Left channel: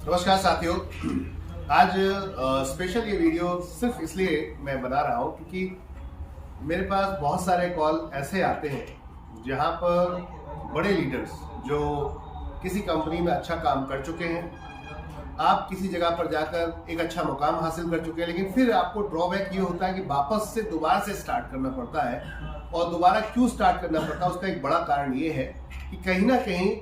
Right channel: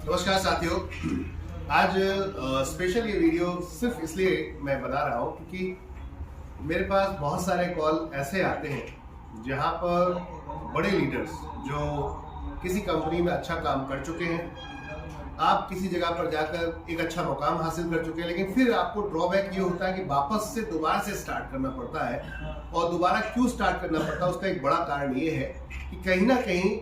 नमस्कार साथियों। आज स्पेशल ये वीडियो सिर्फ इसलिए मैं बना रहा हूँ क्योंकि मेरे पास बहुत सारे कॉल ऐसे आते हैं जहाँ पर बड़े लीडर्स जो किसी कंपनी में अच्छा काम कर चुके हैं, आप किसी जगह पर जाकर एक अच्छा मुकाम हासिल कर चुके हैं, लेकिन फिर आपको ड्रॉबैक ये होता है कि वापस से दोबारा से स्टार्ट करना पड़ता है। और दोबारा क्यों स्टार्ट करना पड़ता है, उसका एक बड़ा कारण ये है कि कहीं ना कहीं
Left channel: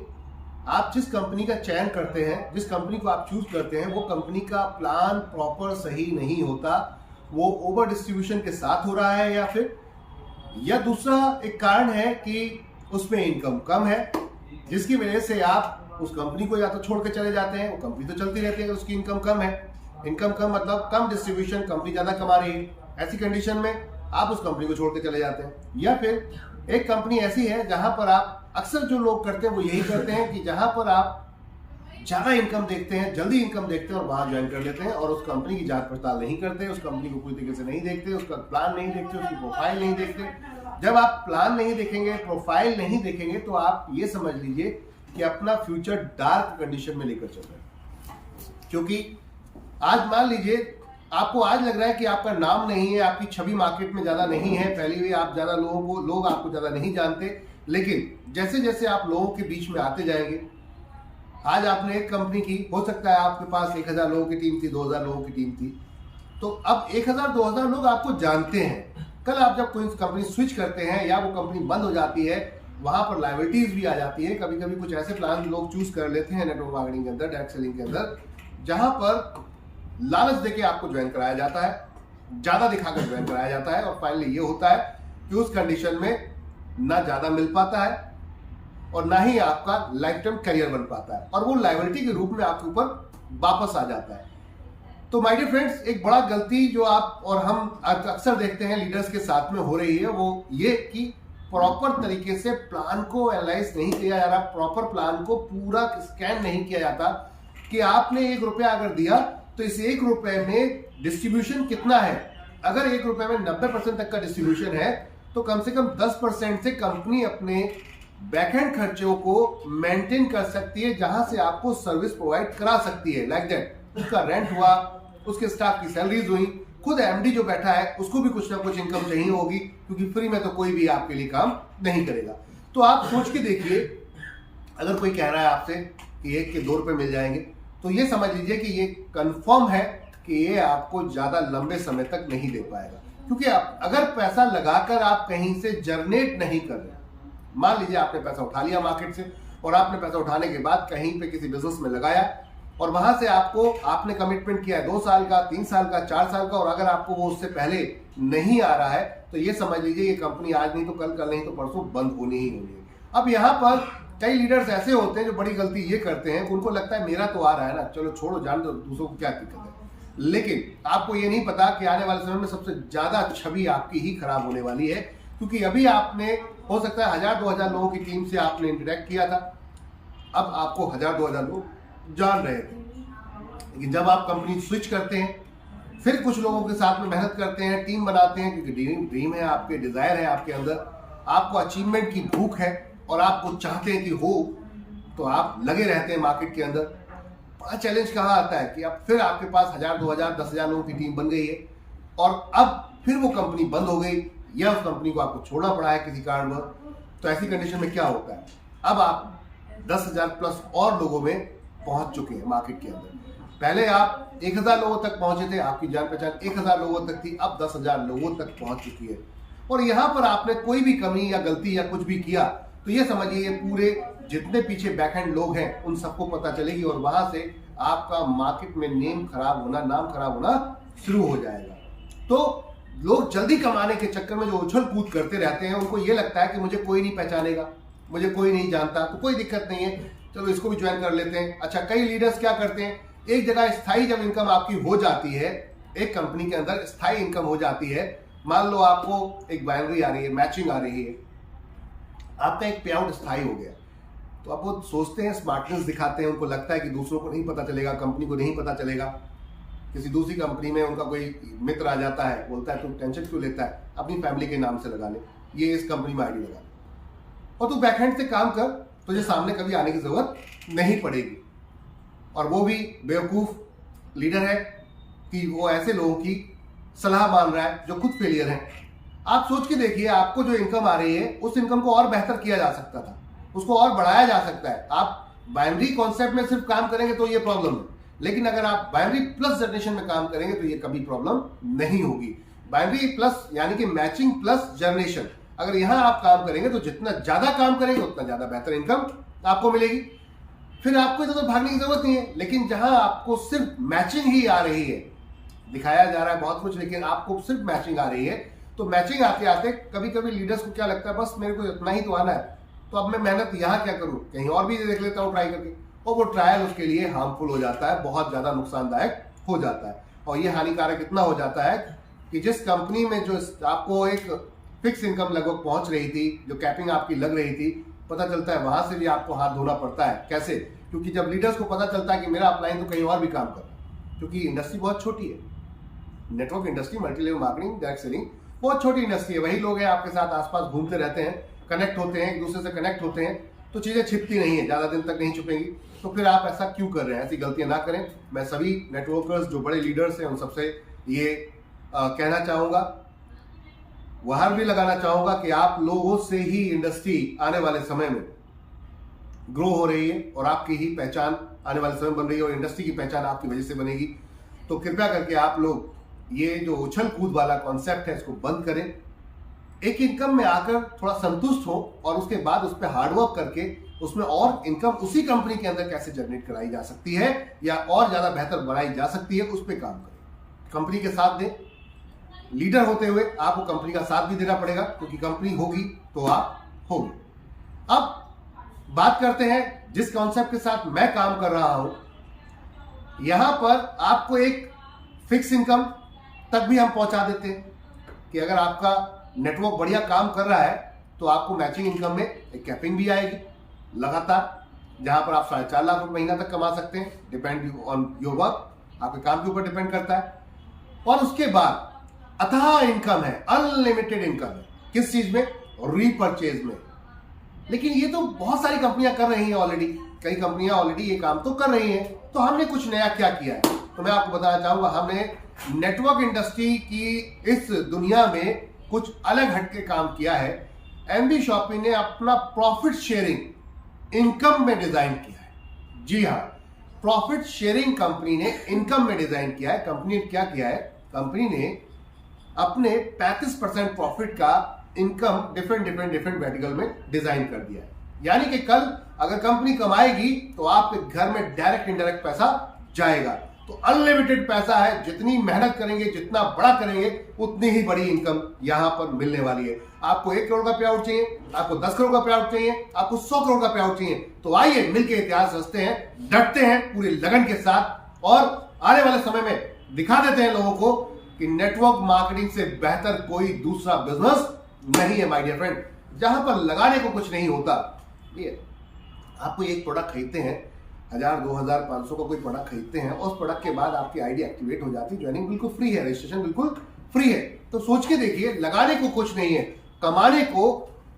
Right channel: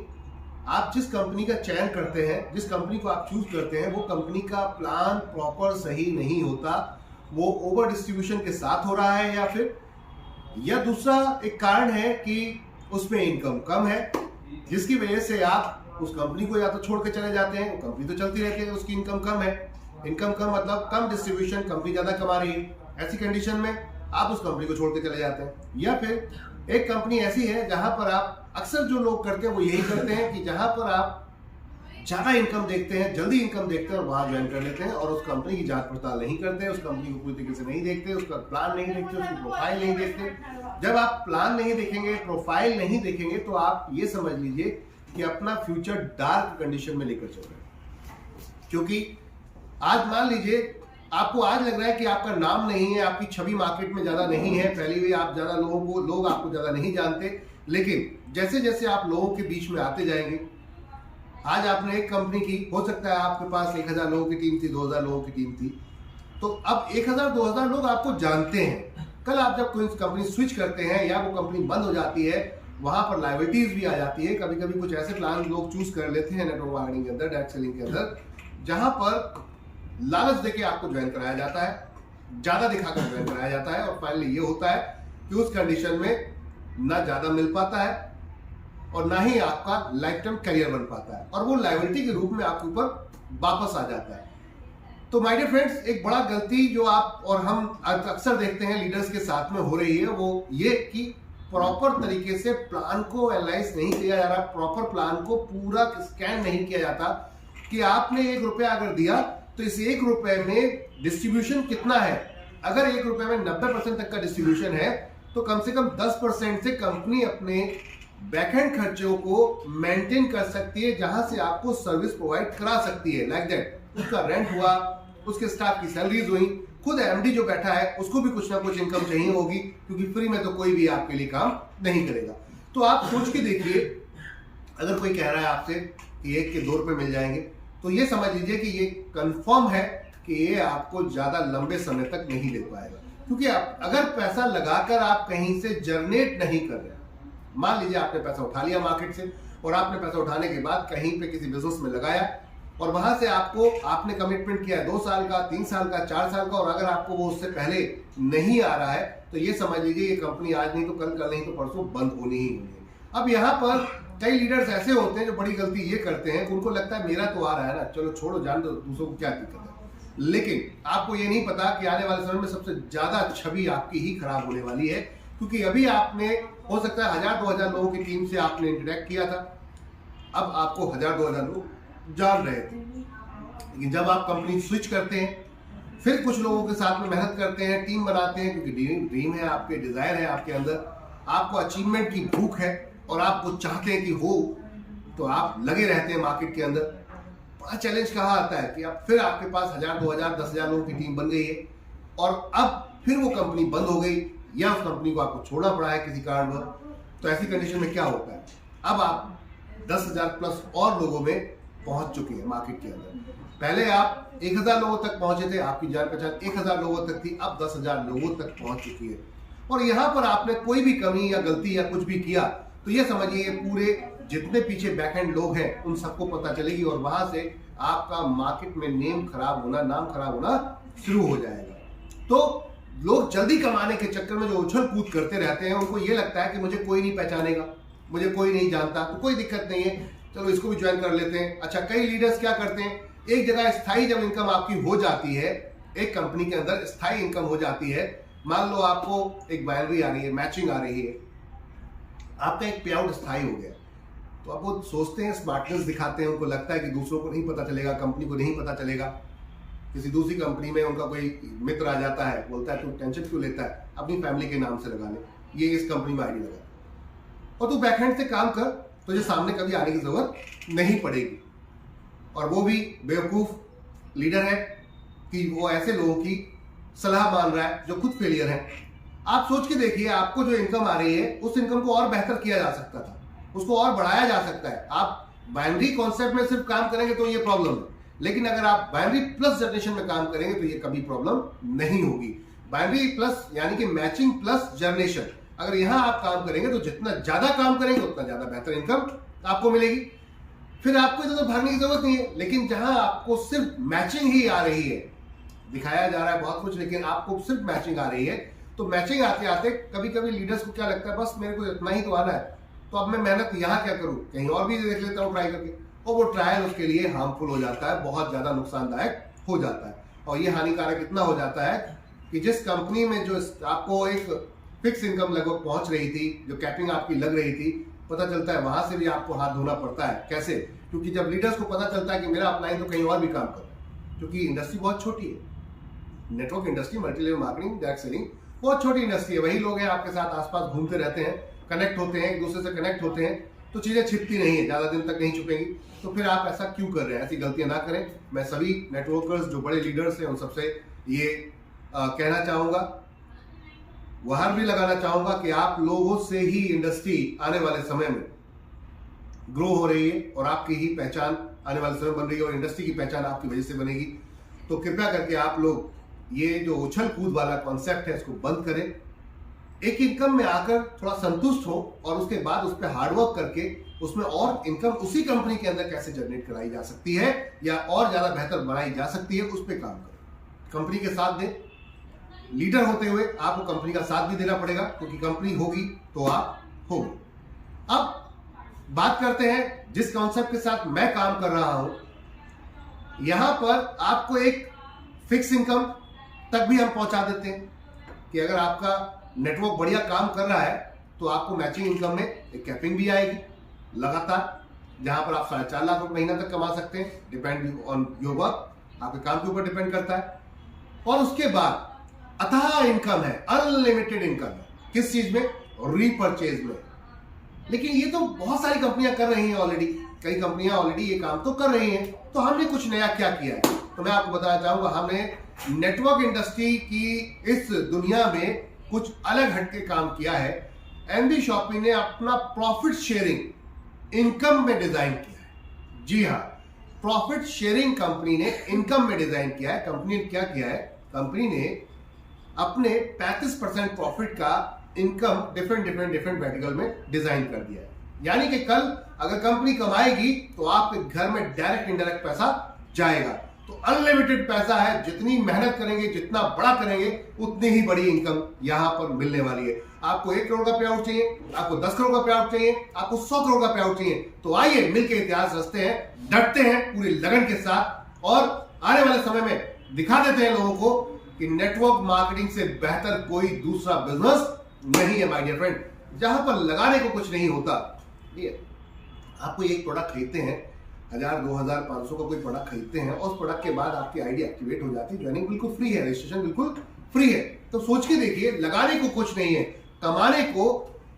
आप जिस कंपनी का चयन करते हैं, जिस कंपनी को आप चूज करते हैं, वो कंपनी का प्लान प्रॉपर सही नहीं होता। वो ओवर डिस्ट्रीब्यूशन के साथ हो रहा है, या दूसरा एक कारण है कि उसमें इनकम कम है, जिसकी वजह से आप उस कंपनी को या तो छोड़ के चले जाते हैं। वो कंपनी तो चलती रहती है, उसकी इनकम कम है। इनकम कम मतलब कम डिस्ट्रीब्यूशन, कंपनी ज्यादा कमा रही है। ऐसी कंडीशन में आप उस कंपनी को छोड़ के चले जाते हैं। या फिर एक कंपनी ऐसी है जहां पर आप, अक्सर जो लोग करते हैं वो यही करते हैं कि जहां पर आप ज्यादा इनकम देखते हैं, जल्दी इनकम देखते हैं और वहां ज्वाइन कर लेते हैं और उस कंपनी की जांच पड़ताल नहीं करते, उस कंपनी को पूरी तरीके से नहीं देखते, उसका प्लान नहीं देखते, उसकी प्रोफाइल नहीं देखते। जब आप प्लान नहीं देखेंगे, प्रोफाइल नहीं देखेंगे, तो आप ये समझ लीजिए कि अपना फ्यूचर डार्क कंडीशन में लेकर चल रहे हैं। क्योंकि आज मान लीजिए आपको आज लग रहा है कि आपका नाम नहीं है, आपकी छवि मार्केट में ज्यादा नहीं है, फैली हुई, आप ज्यादा लोग आपको ज्यादा नहीं जानते, लेकिन जैसे जैसे आप लोगों के बीच में आते जाएंगे, आज आपने एक कंपनी की, हो सकता है आपके पास 1000 लोगों की टीम थी, 2000 लोगों की टीम थी, तो अब 1000-2000 लोग आपको जानते हैं। कल आप जब कोई कंपनी स्विच करते हैं या वो कंपनी बंद हो जाती है, वहां पर लायबिलिटीज भी आ जाती है। कभी कभी कुछ ऐसे प्लान लोग चूज कर लेते हैं नेटवर्क मार्केटिंग के अंदर, डायरेक्ट सेलिंग के अंदर, जहां पर लालच देके आपको ज्वाइन कराया जाता है, ज्यादा दिखाकर ज्वाइन कराया जाता है, और फाइनली ये होता है कि उस कंडीशन में ना ज्यादा मिल पाता है और ना ही आपका लाइफ टाइम करियर बन पाता है, और वो लायबिलिटी के रूप में आपके ऊपर वापस आ जाता है। तो माय डियर फ्रेंड्स, एक बड़ा गलती जो आप और हम अक्सर देखते हैं लीडर्स के साथ में हो रही है, वो ये कि प्रॉपर तरीके से प्लान को एनालाइज नहीं किया जा रहा, प्रॉपर प्लान को पूरा स्कैन नहीं किया जाता कि आपने 1 रुपया अगर दिया तो इस 1 रुपए में डिस्ट्रीब्यूशन कितना है। अगर 1 रुपए में 90% तक का डिस्ट्रीब्यूशन है तो कम से कम 10% से कंपनी अपने बैकएंड खर्चों को मेंटेन कर सकती है, जहां से आपको सर्विस प्रोवाइड करा सकती है। लाइक दैट, उसका रेंट हुआ, उसके स्टाफ की सैलरीज हुई, खुद एमडी जो बैठा है उसको भी कुछ ना कुछ इनकम चाहिए होगी, क्योंकि फ्री में तो कोई भी आपके लिए काम नहीं करेगा। तो आप सोच के देखिए, अगर कोई कह रहा है आपसे कि 1 के 2 रुपए मिल जाएंगे, तो ये समझ लीजिए कि ये कंफर्म है कि ये आपको ज्यादा लंबे समय तक नहीं दे पाएगा। क्योंकि आप अगर पैसा लगाकर आप कहीं से जनरेट नहीं कर रहे, मान लीजिए आपने पैसा उठा लिया मार्केट से, और आपने पैसा उठाने के बाद कहीं पे किसी बिजनेस में लगाया, और वहां से आपने कमिटमेंट किया है 2 साल का, 3 साल का, 4 साल का, और अगर आपको वो उससे पहले नहीं आ रहा है, तो ये समझ लीजिए ये कंपनी आज नहीं तो कल, कल नहीं तो परसों बंद होनी ही होनी है। अब यहाँ पर कई लीडर्स ऐसे होते हैं जो बड़ी गलती ये करते हैं, उनको लगता है मेरा तो आ रहा है ना, चलो छोड़ो, जान दो, दूसरों को क्या दिक्कत है। लेकिन आपको ये नहीं पता कि आने वाले समय में सबसे ज्यादा छवि आपकी ही खराब होने वाली है, क्योंकि अभी आपने, हो सकता है 1000-2000 लोगों की टीम से आपने इंटरेक्ट किया था, अब आपको 1000-2000 लोग जान रहे थे, लेकिन जब आप कंपनी स्विच करते हैं, फिर कुछ लोगों के साथ में मेहनत करते हैं, टीम बनाते हैं, क्योंकि ड्रीम है आपके, डिजायर है आपके अंदर, आपको अचीवमेंट की भूख है और आपको चाहते हैं कि हो, तो आप लगे रहते हैं मार्केट के अंदर। बड़ा चैलेंज कहाँ आता है कि अब फिर आपके पास 1000-2000, 10,000 लोगों की टीम बन गई है, और अब फिर वो कंपनी बंद हो गई, या उस कंपनी को आपको छोड़ना पड़ा है किसी कारणवश। तो ऐसी कंडीशन में क्या होता है, अब आप 10,000 प्लस और लोगों में पहुंच चुके हैं मार्केट के अंदर। पहले आप 1000 लोगों तक पहुंचे थे, आपकी जान पहचान 1000 लोगों तक थी, अब 10,000 लोगों तक पहुंच चुकी है। और यहां पर आपने कोई भी कमी या गलती या कुछ भी किया, तो ये समझिए ये पूरे जितने पीछे बैकएंड लोग हैं उन सबको पता चलेगी, और वहां से आपका मार्केट में नाम खराब होना शुरू हो जाएगा। तो लोग जल्दी कमाने के चक्कर में जो उछल कूद करते रहते हैं, उनको ये लगता है कि मुझे कोई नहीं पहचानेगा, मुझे कोई नहीं जानता, तो कोई दिक्कत नहीं है, चलो इसको भी ज्वाइन कर लेते हैं। अच्छा, कई लीडर्स क्या करते हैं, एक जगह स्थायी जब इनकम आपकी हो जाती है, एक कंपनी के अंदर स्थायी इनकम हो जाती है, मान लो आपको एक बाइनरी आ रही है, मैचिंग आ रही है, आपका एक पे आउट स्थायी हो गया, तो आप वो सोचते हैं, स्मार्टनेस दिखाते हैं, उनको लगता है कि दूसरों को नहीं पता चलेगा, कंपनी को नहीं पता चलेगा। किसी दूसरी कंपनी में उनका कोई मित्र आ जाता है, बोलता है तू टेंशन क्यों लेता है, अपनी फैमिली के नाम से लगा ले, ये इस कंपनी में आईडी लगा, और तू बैकहैंड से काम कर, तुझे सामने कभी आने की जरूरत नहीं पड़ेगी। और वो भी बेवकूफ लीडर है कि वो ऐसे लोगों की सलाह मान रहा है जो खुद फेलियर है। आप सोच के देखिए, आपको जो इनकम आ रही है उस इनकम को और बेहतर किया जा सकता था, उसको और बढ़ाया जा सकता है। आप बाइनरी कॉन्सेप्ट में सिर्फ काम करेंगे तो ये प्रॉब्लम है, लेकिन अगर आप बाइनरी प्लस जनरेशन में काम करेंगे तो ये कभी प्रॉब्लम नहीं होगी। बाइनरी प्लस यानी कि मैचिंग प्लस जनरेशन, अगर यहां आप काम करेंगे तो जितना ज्यादा काम करेंगे उतना ज्यादा बेहतर इनकम आपको मिलेगी। फिर आपको इधर भागने की जरूरत नहीं है। लेकिन जहां आपको सिर्फ मैचिंग ही आ रही है, दिखाया जा रहा है बहुत कुछ लेकिन आपको सिर्फ मैचिंग आ रही है, तो मैचिंग आते आते कभी कभी लीडर्स को क्या लगता है, बस मेरे को इतना ही तो आना है, तो अब मैं मेहनत यहाँ क्या करूं, कहीं और भी देख लेता हूँ ट्राई करके। और वो ट्रायल उसके लिए हार्मफुल हो जाता है, बहुत ज्यादा नुकसानदायक हो जाता है। और ये हानिकारक इतना हो जाता है कि जिस कंपनी में जो आपको एक फिक्स इनकम लगभग पहुंच रही थी, जो कैपिंग आपकी लग रही थी, पता चलता है वहां से भी आपको हाथ धोना पड़ता है। कैसे? क्योंकि जब लीडर्स को पता चलता है कि मेरा अपलाइन तो कहीं और भी काम कर रहा है, क्योंकि इंडस्ट्री बहुत छोटी है, network industry, multi level marketing, direct selling बहुत छोटी इंडस्ट्री है। वही लोग हैं आपके साथ आसपास घूमते रहते हैं, कनेक्ट होते हैं, एक दूसरे से कनेक्ट होते हैं, तो चीजें छिपती नहीं है, ज्यादा दिन तक नहीं छुपेंगी। तो फिर आप ऐसा क्यों कर रहे हैं? ऐसी गलतियां ना करें। मैं सभी नेटवर्कर्स जो बड़े लीडर्स हैं उन सबसे ये कहना चाहूंगा, वहां भी लगाना चाहूंगा कि आप लोगों से ही इंडस्ट्री आने वाले समय में ग्रो हो रही है और आपकी ही पहचान आने वाले समय बन रही है और इंडस्ट्री की पहचान आपकी वजह से बनेगी। तो कृपया करके आप लोग ये जो उछल कूद वाला कॉन्सेप्ट है इसको बंद करें। एक इनकम में आकर थोड़ा संतुष्ट हो और उसके बाद उस पर हार्डवर्क करके उसमें और इनकम उसी कंपनी के अंदर कैसे जनरेट कराई जा सकती है या और ज्यादा बेहतर बनाई जा सकती है, उस पर काम करें। कंपनी के साथ दें। लीडर होते हुए आपको कंपनी का साथ भी देना पड़ेगा, क्योंकि कंपनी होगी तो आप होगी। अब बात करते हैं जिस कॉन्सेप्ट के साथ मैं काम कर रहा हूं, यहां पर आपको एक फिक्स इनकम तक भी हम पहुंचा देते हैं कि अगर आपका नेटवर्क बढ़िया काम कर रहा है तो आपको मैचिंग इनकम में एक कैपिंग भी आएगी लगातार, जहां पर आप 4.5 लाख रुपए महीना तक कमा सकते हैं। डिपेंड ऑन योर वर्क, आपके काम के ऊपर डिपेंड करता है। और उसके बाद अथाह इनकम है, अनलिमिटेड इनकम है। किस चीज में? रीपरचेज में। लेकिन ये तो बहुत सारी कंपनियां कर रही हैं ऑलरेडी, कई कंपनियां ऑलरेडी ये काम तो कर रही हैं। तो हमने कुछ नया क्या किया है तो मैं आपको बताना चाहूंगा। हमने नेटवर्क इंडस्ट्री की इस दुनिया में कुछ अलग हटके काम किया है। एनबी शॉपी ने अपना प्रॉफिट शेयरिंग इनकम में डिजाइन किया है। जी हाँ, प्रॉफिट शेयरिंग कंपनी ने इनकम में डिजाइन किया है। कंपनी ने क्या किया है? कंपनी ने अपने 35% प्रॉफिट का इनकम डिफरेंट वर्टिकल में डिजाइन कर दिया है। यानी कि कल अगर कंपनी कमाएगी तो आपके घर में डायरेक्ट इनडायरेक्ट पैसा जाएगा। तो अनलिमिटेड पैसा है, जितनी मेहनत करेंगे, जितना बड़ा करेंगे, उतनी ही बड़ी इनकम यहां पर मिलने वाली है। आपको 1 करोड़ का पे आउट चाहिए, आपको 10 करोड़ का पे आउट चाहिए, आपको 100 करोड़ का पे आउट चाहिए, तो आइए मिलकर इतिहास रचते हैं, डटते हैं पूरी लगन के साथ और आने वाले समय में दिखा देते हैं लोगों को कि नेटवर्क मार्केटिंग से बेहतर कोई दूसरा बिजनेस नहीं है माय डियर फ्रेंड, जहां पर लगाने को कुछ नहीं होता। आपको एक प्रोडक्ट खरीदते हैं, 1000, 2000, 500 का कोई प्रोडक्ट खरीदते हैं और उस प्रोडक्ट के बाद आपकी आईडी एक्टिवेट हो जाती है, ज्वाइनिंग बिल्कुल फ्री है, रजिस्ट्रेशन बिल्कुल फ्री है। तो सोच के देखिए, लगाने को कुछ नहीं है, कमाने को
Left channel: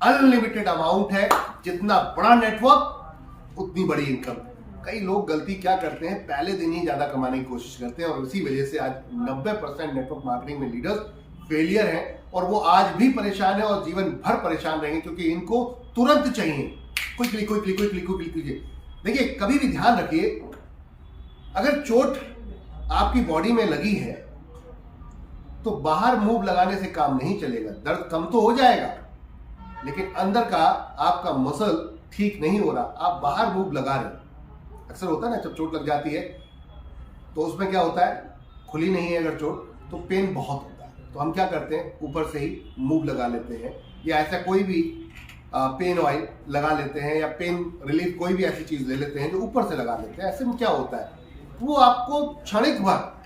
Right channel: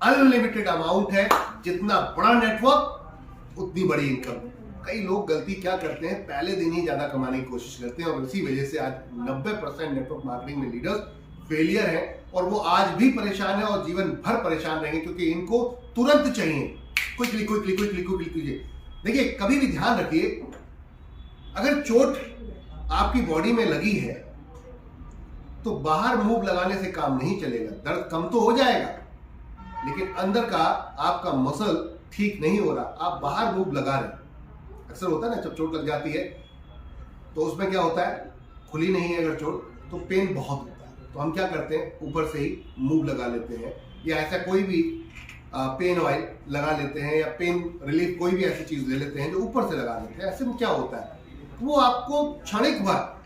अनलिमिटेड अमाउंट है। जितना बड़ा नेटवर्क उतनी बड़ी इनकम। कई लोग गलती क्या करते हैं, पहले दिन ही ज्यादा कमाने की कोशिश करते हैं और इसी वजह से आज 90% नेटवर्क मार्केटिंग में लीडर्स फेलियर हैं और वो आज भी परेशान है और जीवन भर परेशान रहेंगे, क्योंकि इनको तुरंत चाहिए, क्विकली कीजिए। देखिए, कभी भी ध्यान रखिए, अगर चोट आपकी बॉडी में लगी है तो बाहर मूव लगाने से काम नहीं चलेगा। दर्द कम तो हो जाएगा, लेकिन अंदर का आपका मसल ठीक नहीं हो रहा, आप बाहर मूव लगा रहे। अक्सर होता है ना, जब चोट लग जाती है तो उसमें क्या होता है, खुली नहीं है अगर चोट तो पेन बहुत होता है। तो हम क्या करते हैं, ऊपर से ही मूव लगा लेते हैं, या ऐसा कोई भी पेन ऑयल लगा लेते हैं, या पेन रिलीफ कोई भी ऐसी चीज ले लेते हैं जो ऊपर से लगा लेते हैं। ऐसे में क्या होता है, वो आपको क्षणिक भर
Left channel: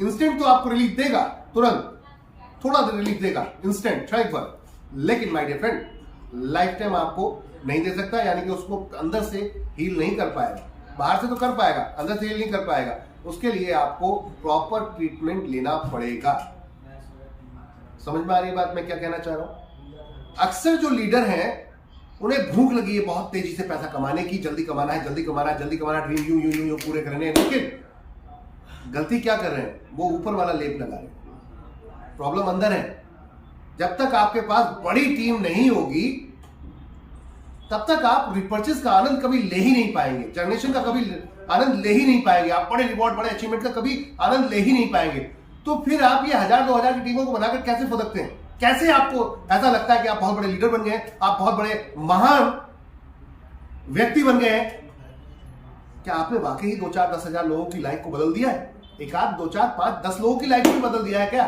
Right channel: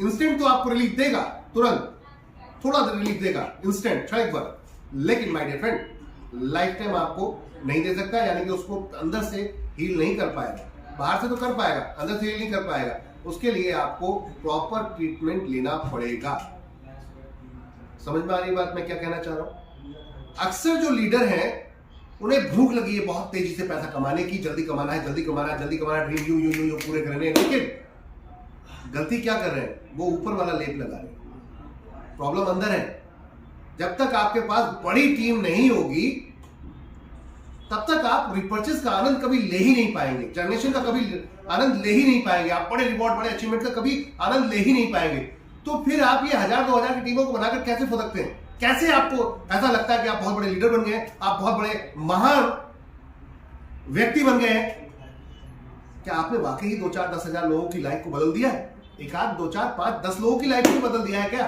इंस्टेंट तो आपको रिलीफ देगा, तुरंत थोड़ा सा रिलीफ देगा, इंस्टेंट क्षणिक भर, लेकिन my dear friend lifetime आपको नहीं दे सकता। यानी कि उसको अंदर से हील नहीं कर पाएगा, बाहर से तो कर पाएगा, अंदर से हील नहीं कर पाएगा। उसके लिए आपको प्रॉपर ट्रीटमेंट लेना पड़ेगा। समझ में आ रही बात मैं क्या कहना चाह रहा हूं? अक्सर जो लीडर हैं उन्हें भूख लगी है बहुत तेजी से पैसा कमाने की, जल्दी कमाना है, जल्दी कमाना है, जल्दी कमाना, ड्रीम यूं यूं यूं यूं पूरे करने हैं। लेकिन गलती क्या कर रहे हैं, वो ऊपर वाला लेप लगा रहे हैं। प्रॉब्लम अंदर है। जब तक आपके पास बड़ी टीम नहीं होगी तब तक आप रिपर्चेस का आनंद कभी ले ही नहीं पाएंगे, जनरेशन का कभी आनंद ले ही नहीं पाएंगे, आप बड़े रिवॉर्ड, बड़े अचीवमेंट का कभी आनंद ले ही नहीं पाएंगे। तो फिर आप ये 1000-2000 की टीमों को बनाकर कैसे फुदकते हैं? कैसे आपको ऐसा लगता है कि आप बहुत बड़े लीडर बन गए, आप बहुत बड़े महान व्यक्ति बन गए हैं? क्या आपने वाकई 2-4-10,000 लोगों की लाइफ को बदल दिया है? एक आध 2-4-5-10 लोगों की लाइफ को बदल दिया है क्या?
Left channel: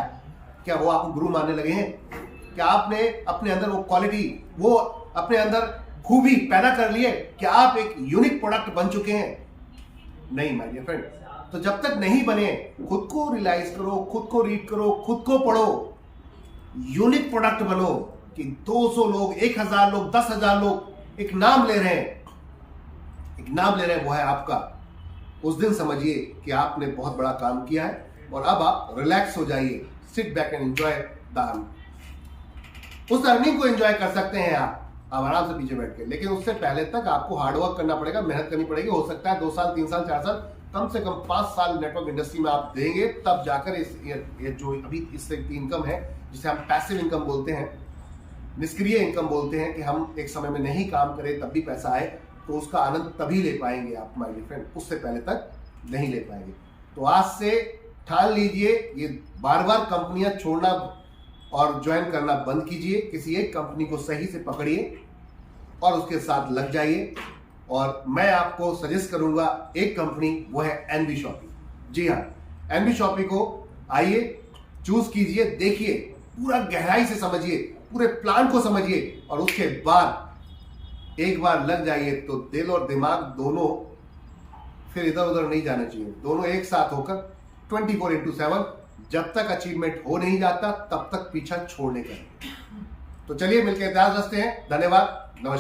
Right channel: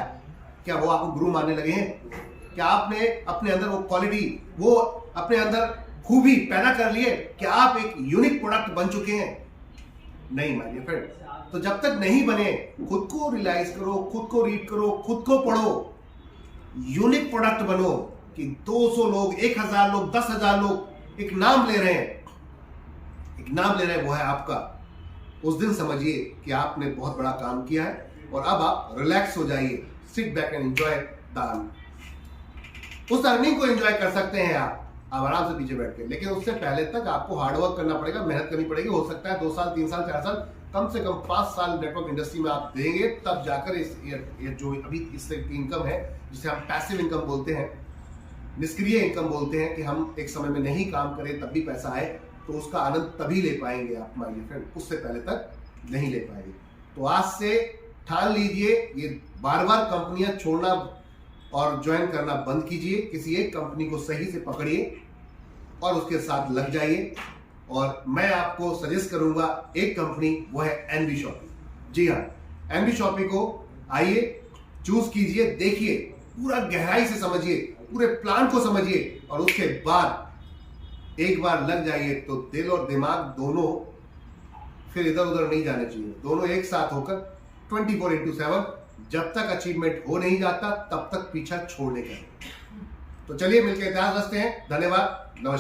क्या वो आपको गुरु मानने लगे हैं? क्या आपने अपने अंदर वो क्वालिटी, वो अपने अंदर खूबी पैदा कर लिए? क्या आप एक यूनिक प्रोडक्ट बन चुके हैं? नहीं माय डियर फ्रेंड। तो जब तक नहीं बने, खुद को रियलाइज करो, खुद को रीड करो, खुद को पढ़ो, यूनिक प्रोडक्ट बनो कि 200 लोग, 1000 लोग, 10,000 लोग एक नाम ले रहे हैं, एक नाम ले रहे हैं, वो है आपका। उस दिन समझिए कि आपने बहुत बड़ा काम किया है और अब आप रिलैक्स हो जाइए, sit back and enjoy the earning. उस अर्निंग को एंजॉय कर सकते हैं आप आराम से पीछे बैठ के, लेकिन उससे पहले तक आपको हार्डवर्क करना पड़ेगा, मेहनत करनी पड़ेगी। हो सकता है 2 साल, 3 साल, 4 साल, कम से कम 5 साल नेटवर्क इंडस्ट्री में आप देंगे, तब जाकर ये जो अभी इससे इनकम है, जिसे हम पैसिव इनकम बोलते हैं, निष्क्रिय इनकम बोलते हैं, कि हम एक समय में नहीं काम करें तब भी पैसा आए, तो उसका आनंद तभी ले पाएंगे आप माय डियर फ्रेंड, उससे पहले तक नहीं ले पाएंगे। तो आज से ठान लीजिए, ये बार बार कंपनियां छोड़ना और ज्वाइन करना बंद कीजिए। किसी एक कंपनी को सही से पकड़िए और उसके साथ लग जाइए। और मैं आपको सजेस्ट करूंगा एक कंपनी, वो है एनबी शॉपी। जी हाँ, एनबी शॉपी को आइए, चूज कीजिए, देखिए, पूरा गहराई से समझिए, पूरे प्लान को समझिए, और उसके बाद एक बार लग जाइए तो दिल और दिमाग दोनों फिर इधर उधर नहीं जाने चाहिए, दोनों एक साथ होकर 24/7 जब तक अचीवमेंट हो नहीं जाता तब तक पीछा छोड़ने का। तो चलिए मिलकर इतिहास रचते हैं। धन्यवाद, नमस्कार।